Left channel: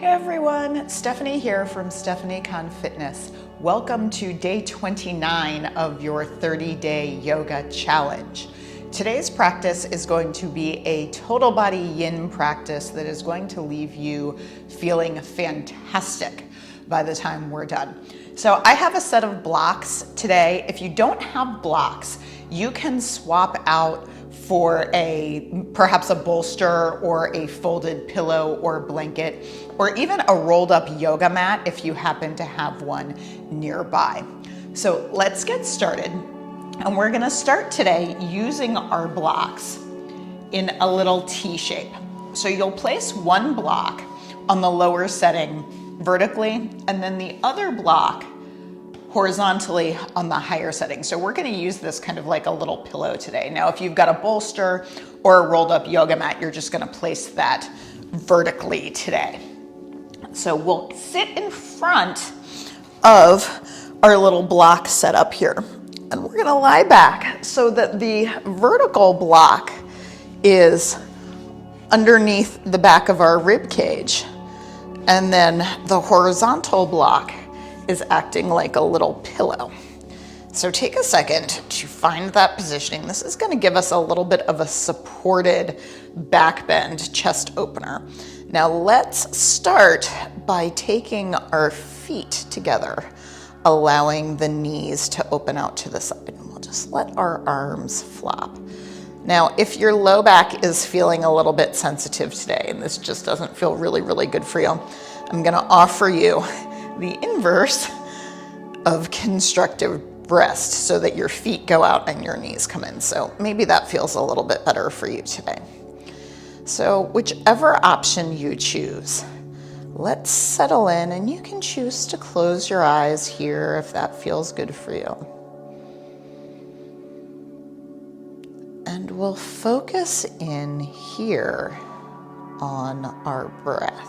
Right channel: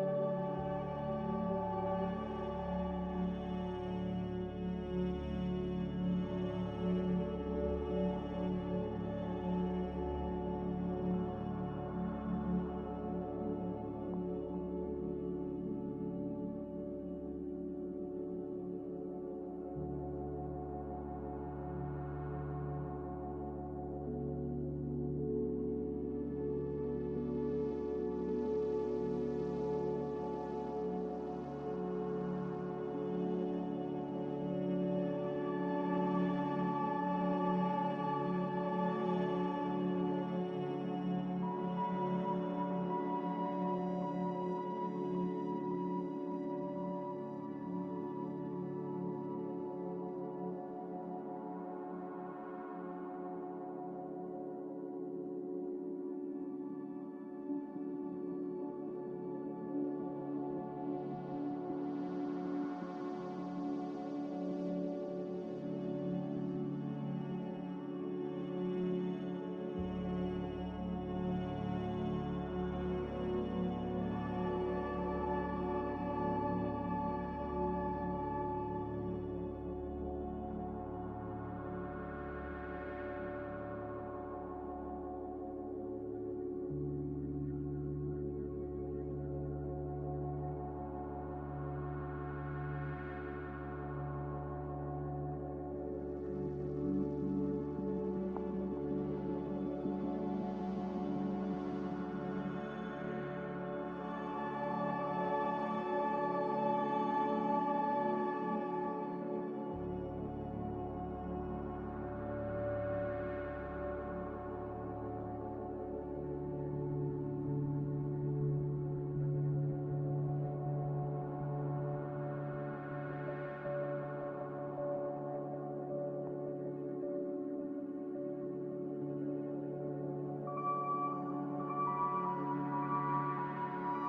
Hey everyone, Stephanie here from Stephanie Con Fitness. Welcome to day 29 of your 30-day yoga challenge. Today's practice is going to be a total body yin practice that is going to leave you feeling fantastic by the time we're done. So I have a set of blocks today. If you don't have blocks, you can swap out for perhaps a bolster or a folded pillow or blanket, or even a rolled up yoga mat if you happen to have one nearby. So let's get started. And we're gonna start today using our blocks in a little T shape. So you'll place one block on the lower setting vertically, and then the other block horizontally on the higher setting. So we're gonna use this kind of like a little pillow today. Now, if you've got a bolster or a rolled up yoga mat, you're just gonna place that vertically today. So we'll sit in front of our little block set up here. And we're gonna lie back so that the vertical block is underneath the back of our rib cage. And then the horizontal block is acting like a little pillow. So take a second to find that positioning. This is going to give us a little bit of a supported back bend chest opener. Now let's start by taking our feet together, allowing the knees to open out to the side. And we'll just let our arms flop. Now, if your low back is feeling a little bit sensitive today, and this just doesn't feel really, really good for you, I'm going to offer you the inverse of constructive rest so that your feet go out and your knees come in. So maybe that feels a little bit better for you today. So whichever option you choose, let's settle in, and you can choose to close your eyes here if that feels good for you. And we'll focus in here on our breath.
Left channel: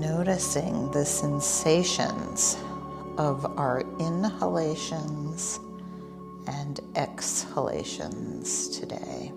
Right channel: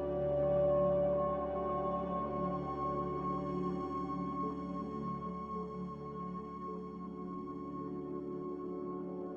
Noticing the sensations of our inhalations and exhalations today.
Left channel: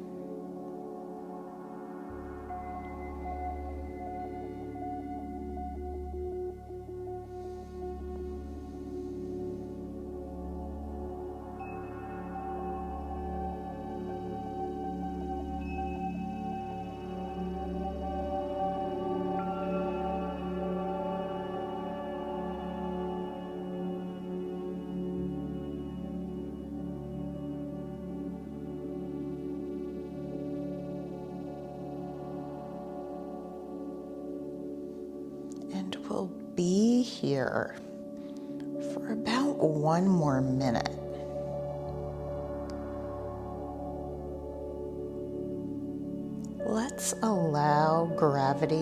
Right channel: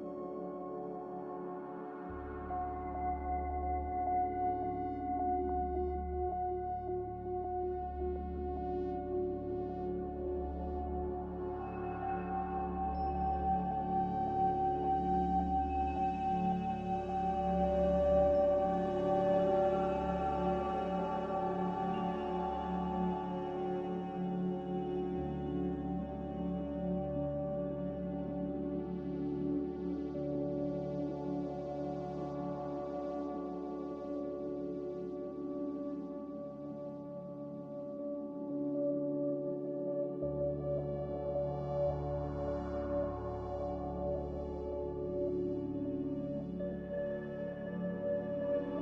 Be here for about one more minute. Let's allow gravity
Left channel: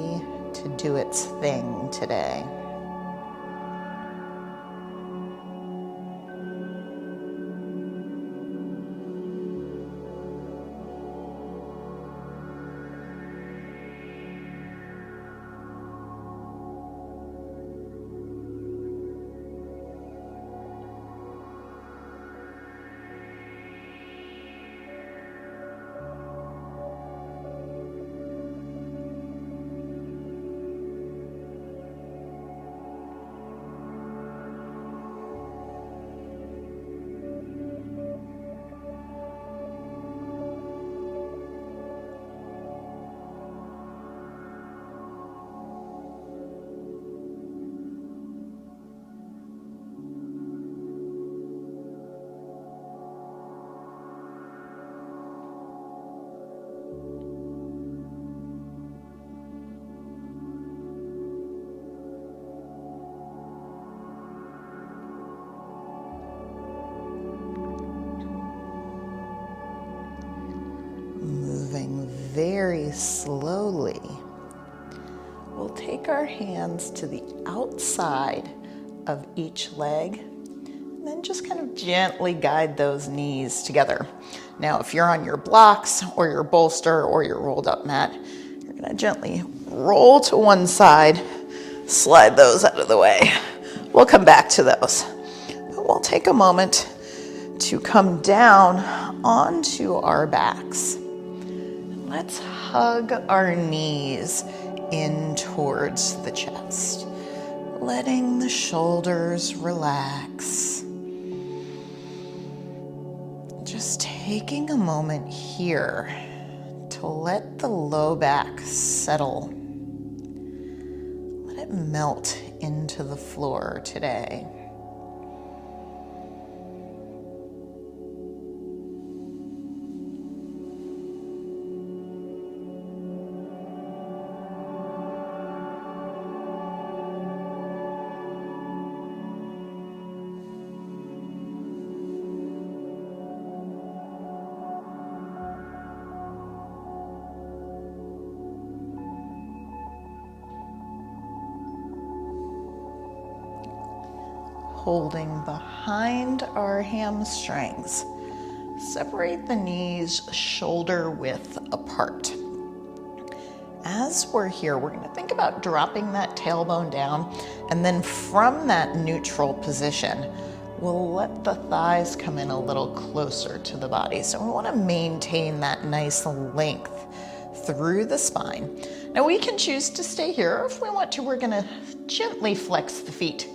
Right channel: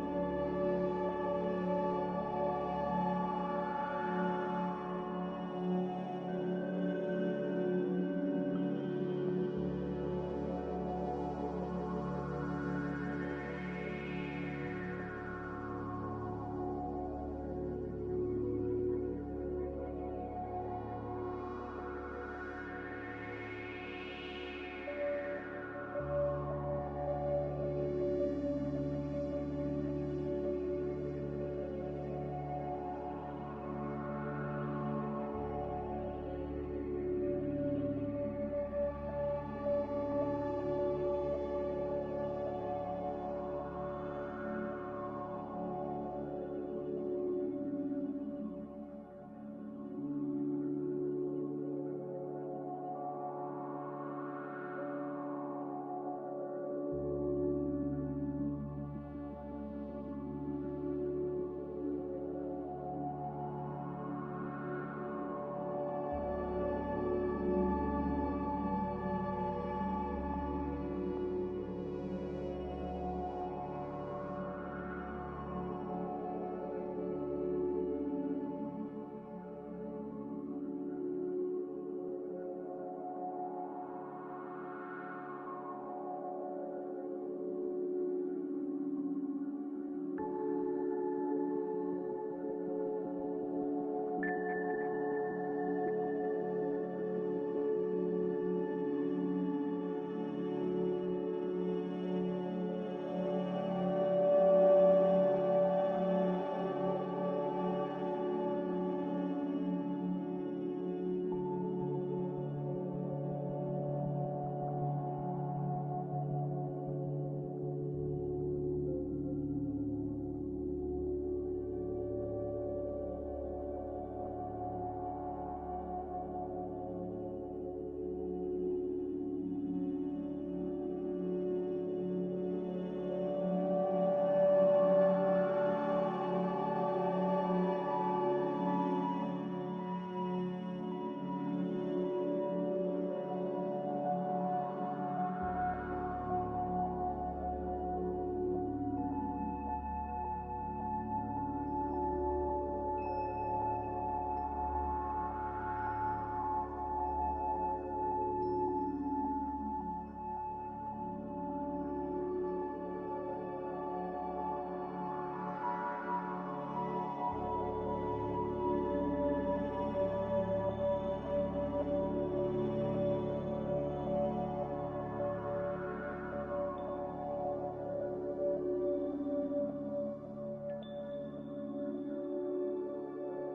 to do its thing today. Very slowly, we'll take our hands to the outside of each leg and then just kind of gently guide those knees together. Now, if you're on your blocks or your bolster or your rolled up mat, you're gonna gently roll to one side, slide those out of the way. We'll come back to those. But we'll take a moment to come down onto our backs. Let's hug our knees in towards the chest, letting the shoulders relax. Just taking a moment here to let the low back settle. Let it melt into the floor today. Holding behind our hamstrings. Separate the knees shoulder width apart. As we're here, we're going to think about dropping that tailbone down, and then from that neutral position, we'll let the thighs come in a little closer to the body. So we want to maintain that nice length through the spine. Now we can choose to stay here, or if we want to, we're going to gently flex the feet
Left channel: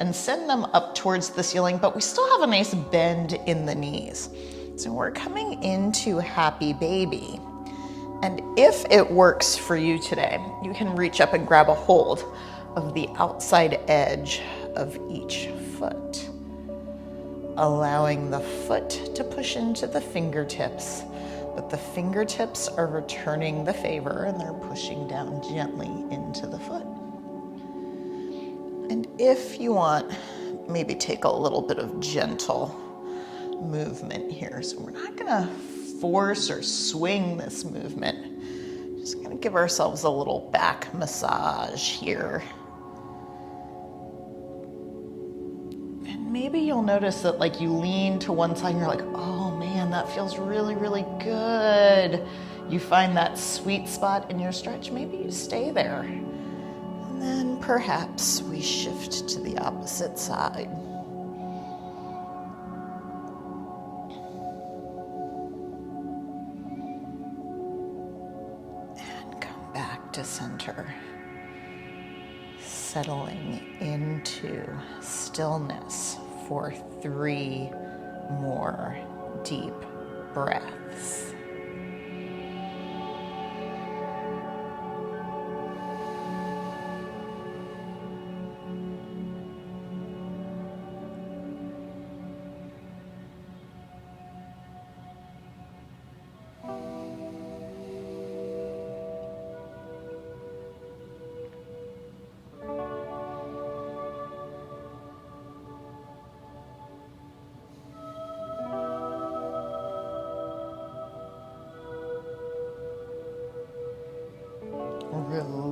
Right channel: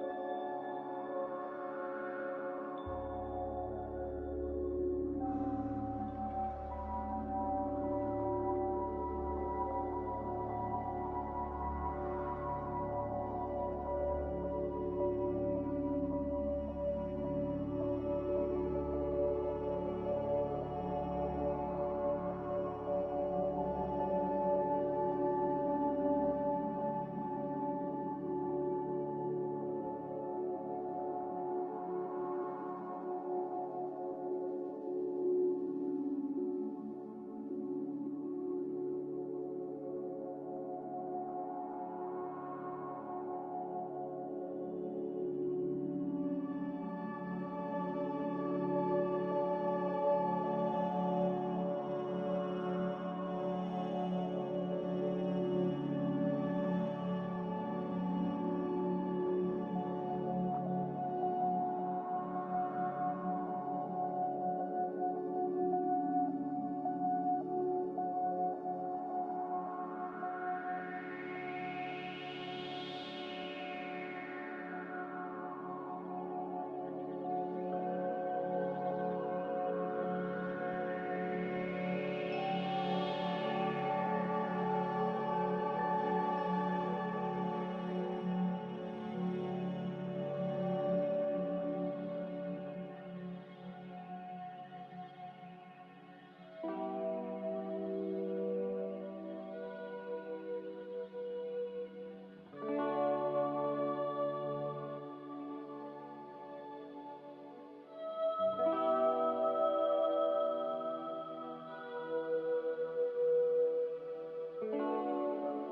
and send them up towards the ceiling, but we still have a nice bend in the knees. So we're coming into happy baby. And if it works for you today, you can reach up and grab a hold of the outside edge of each foot, allowing the foot to push into the fingertips, but the fingertips are returning the favor and they're pushing down gently into the foot. And if you want, maybe take a little bit of gentle movement here. So we're not gonna force or swing this movement. Just gonna give ourselves a little back massage here. And maybe you'll notice that like you lean to one side and you're like, oh man, that feels really, really good. You find that sweet spot in your stretch, maybe you stay there. And perhaps we shift to the opposite side. And come back to center. Settling into stillness for 3 more deep breaths.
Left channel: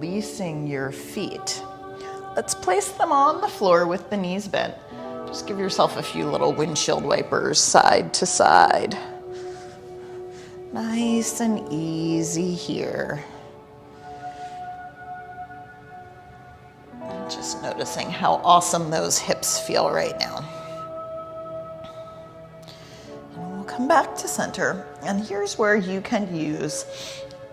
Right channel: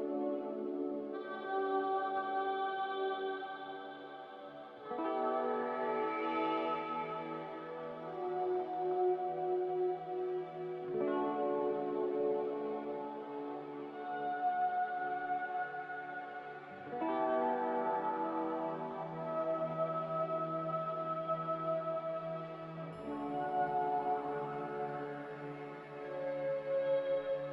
Releasing your feet. Let's place them on the floor with the knees bent. Just give yourself a few little windshield wipers side to side. Nice and easy here. Just noticing how awesome those hips feel right now. And we'll come back to center. And here's where you can use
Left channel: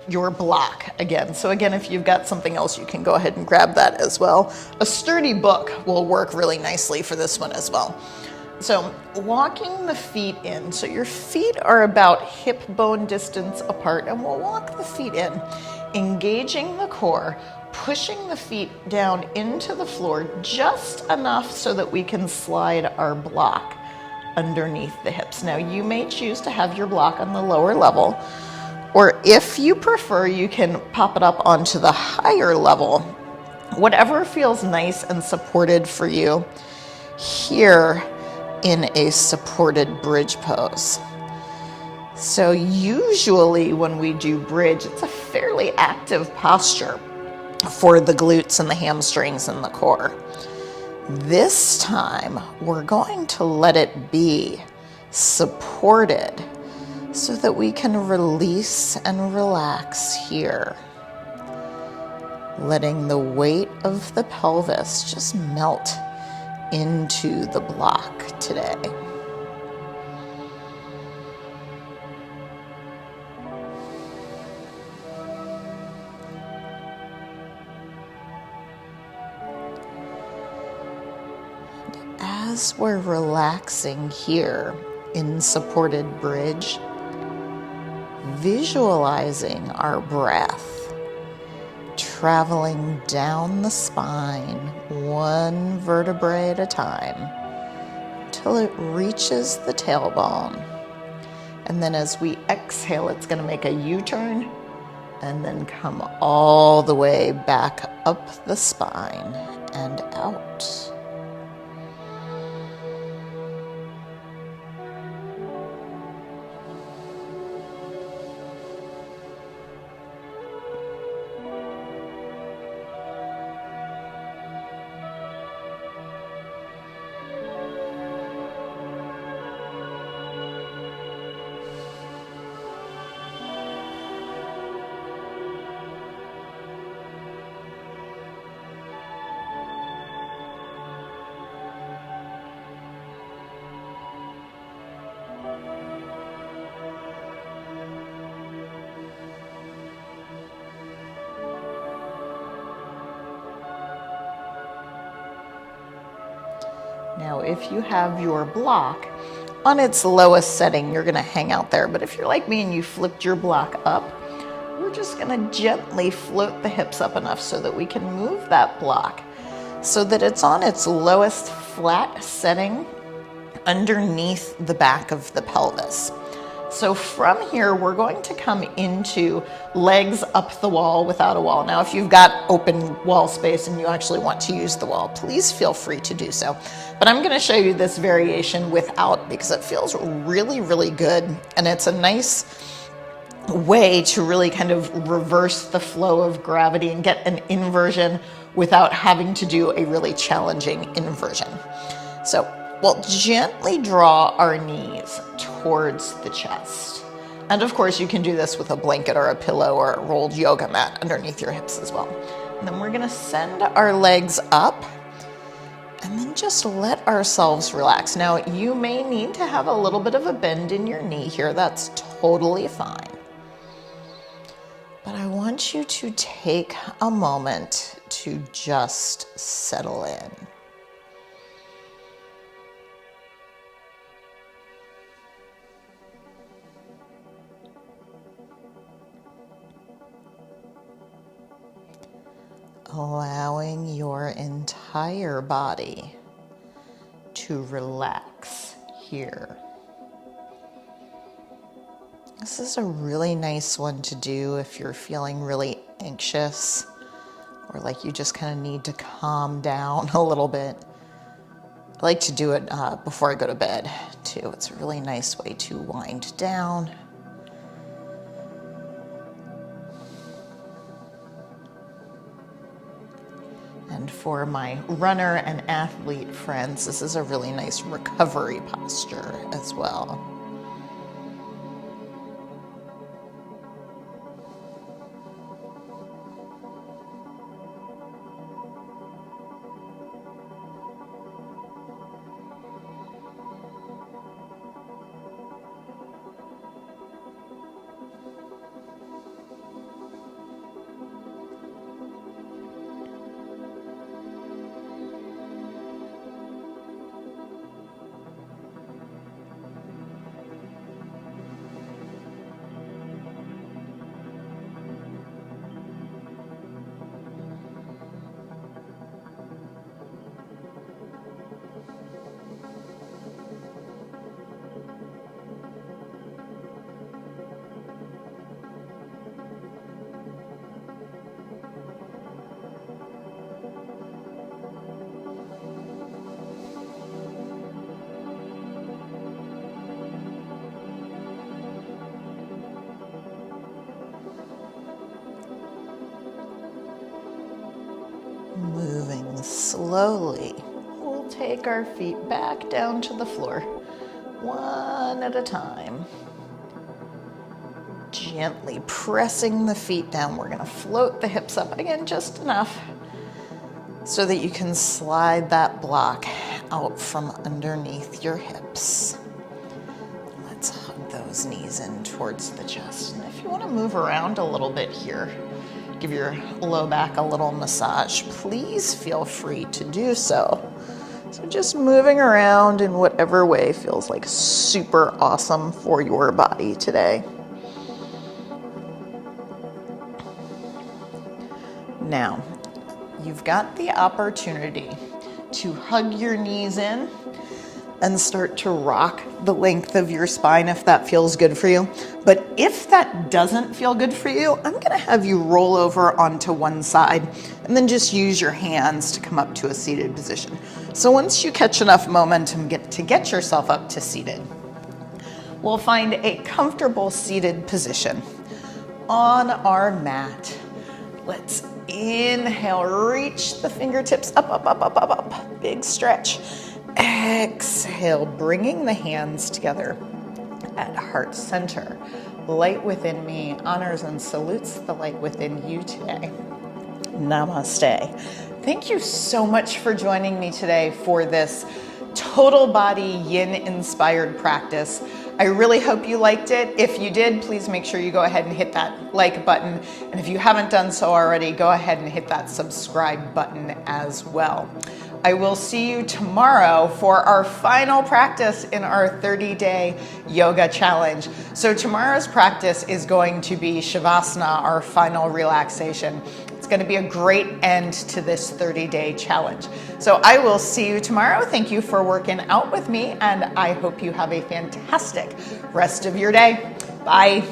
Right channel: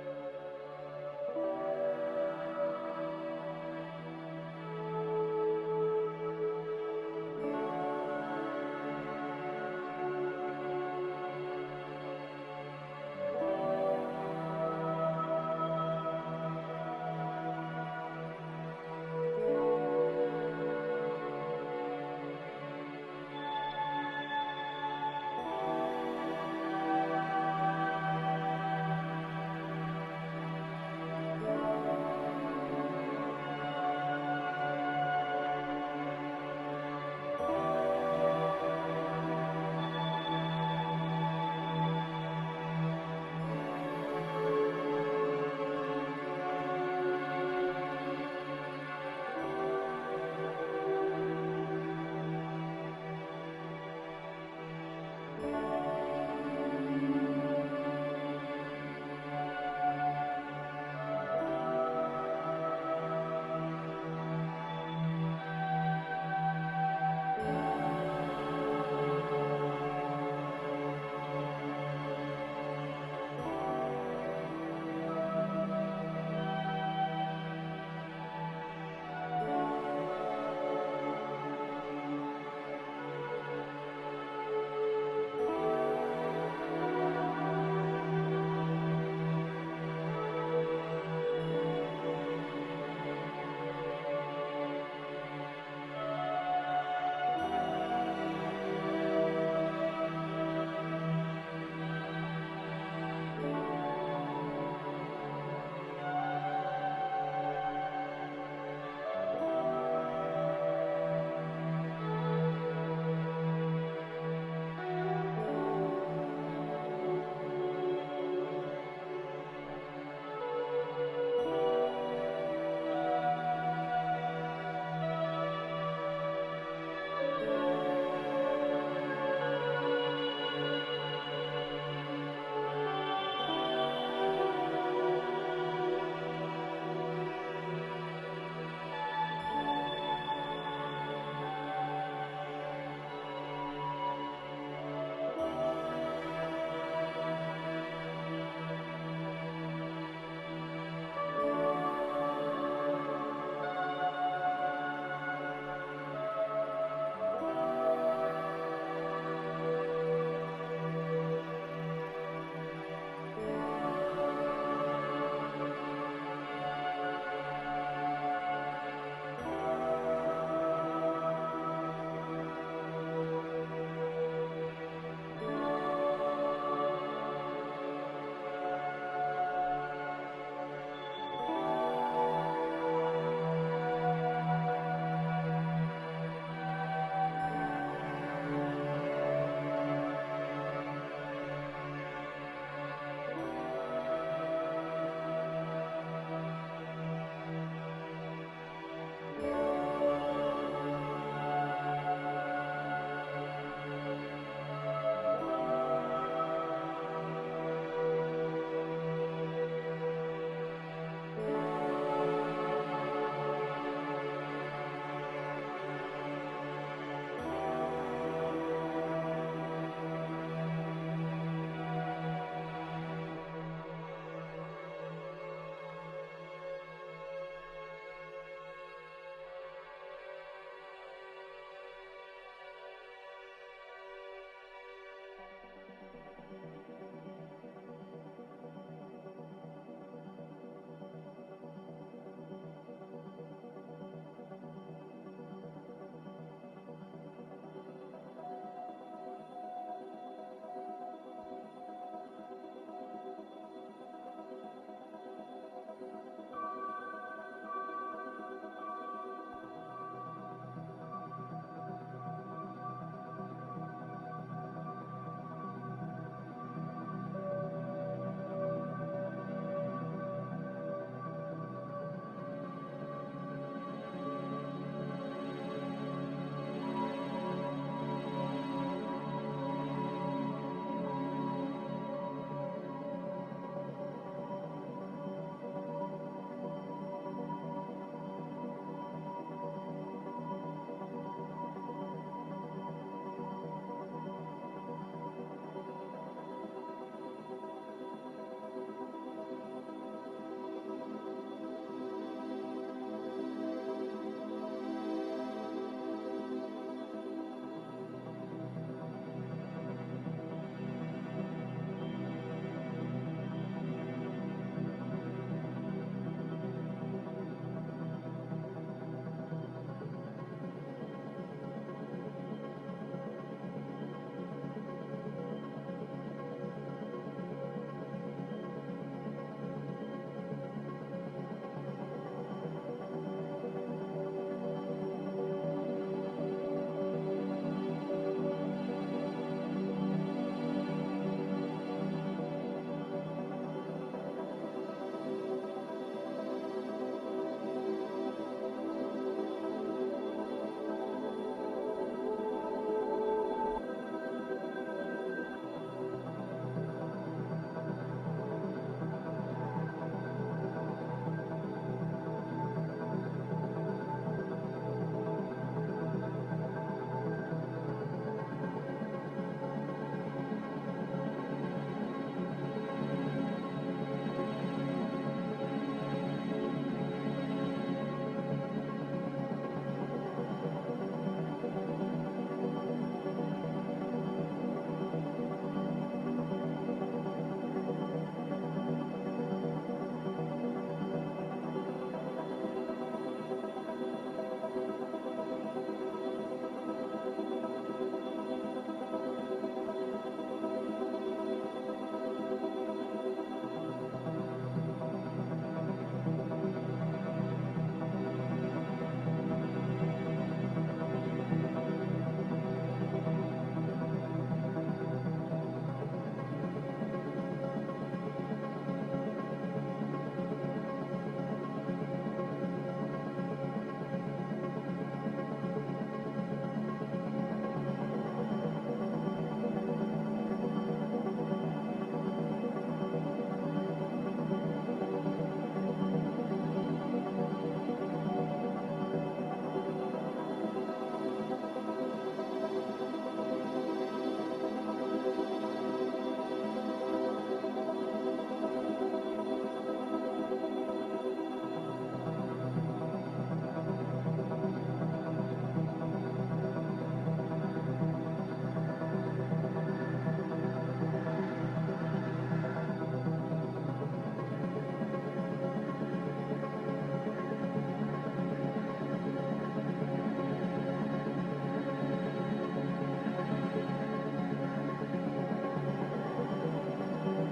your block again. So again, if you've got something else, you can go ahead and grab that as well. A sturdy book will work really nicely for this one as well. So walking the feet in, so your feet are about hip bone distance apart, and we'll walk the feet in, engaging the core, pushing the feet down into the floor just enough so that we can slide our block underneath the hips. Now you may choose to have your block on the lower level, or if you prefer, you can pop it up onto the higher level. Whatever feels nice and supported for you here in a supported bridge pose. So usually when we do bridge, it's a fairly active posture for the glutes and the hamstrings and the core. This time, we're going to let it be supported so that we can release and relax here. Letting the weight of the pelvis just melt into the block today. as we're relaxing here in supported bridge, visualizing our breath traveling down the spine, one vertebrae at a time, till it reaches the tailbone. And then as we exhale, it's going to make a U-turn and then come all the way back up the spine and out. Now, if you have your block on its lowest setting, you're gonna hang out there. But if you're like me and you flipped your block up, we're just gonna gently float the hips up enough so that we can move that block so that it's on its lowest flat setting underneath the back of the pelvis. So from here, we're going to come into legs up the wall without a wall. Now, if you've got open wall space and you actually want to use the wall, please feel free to do so. But I'm going to show you this variation without because it feels really, really good. And it's a nice way to really kind of reverse the flow of gravity and get an inversion without having to do a really challenging inversion. So we'll gently draw our knees towards the chest. And of course, you can do this with a blanket or a pillow or a rolled yoga mat underneath your hips as well. And then we're gonna send our legs up and then just let ourselves relax. Now, you may need to have a little bit of a bend in your knee here. That's totally fine. But I want you to take a moment to just settle in. Allowing your entire body to relax here. This is a really nice one to do if you're feeling really anxious or like you just kind of need to calm down a little bit. I like to do it before I go to bed too. It's a really nice way to wind down. And for my runner and athlete friends, this is a really nice recovery posture as well. Moving slowly, we'll take our feet back down to the floor, one at a time. Gently pressing the feet down. We're going to float the hips up again just enough so that you can slide that block out from underneath your hips. Let's hug those knees in towards the chest. And if you want to move around a little bit here, give your low back a little massage, please feel free to do so. So just moving around in whatever way feels like super awesome for your body today. Now, you've got the opportunity to hug your knees in and start to rock the length of your spine if that feels good for you. But if that doesn't feel good for you, I'm gonna have you roll over onto one side and then just use your hands to come up to a seated position. So once you catch enough momentum to get yourself up to seated, we'll find a comfortable seated position on our mat. Let's inhale, reach the fingertips up, up, up, up, up, up. Big stretch. Exhale, bringing the hands together at heart center. Light within me honors and salutes the light within you today. Namaste. Thank you so much for joining me today for this total body yin inspired practice. I really hope you liked it. If you did, please make sure you go ahead and hit that like button. And if you haven't done so already, go ahead and hit that subscribe button as well. I will see you tomorrow for our final practice in our 30-day yoga challenge. So tomorrow's practice is going to be Shavasana, our final relaxation. It's going to be a great end to this 30-day challenge. So I will see you tomorrow. Thank you for working out with me, and I hope you have a fantastic rest of your day. Bye.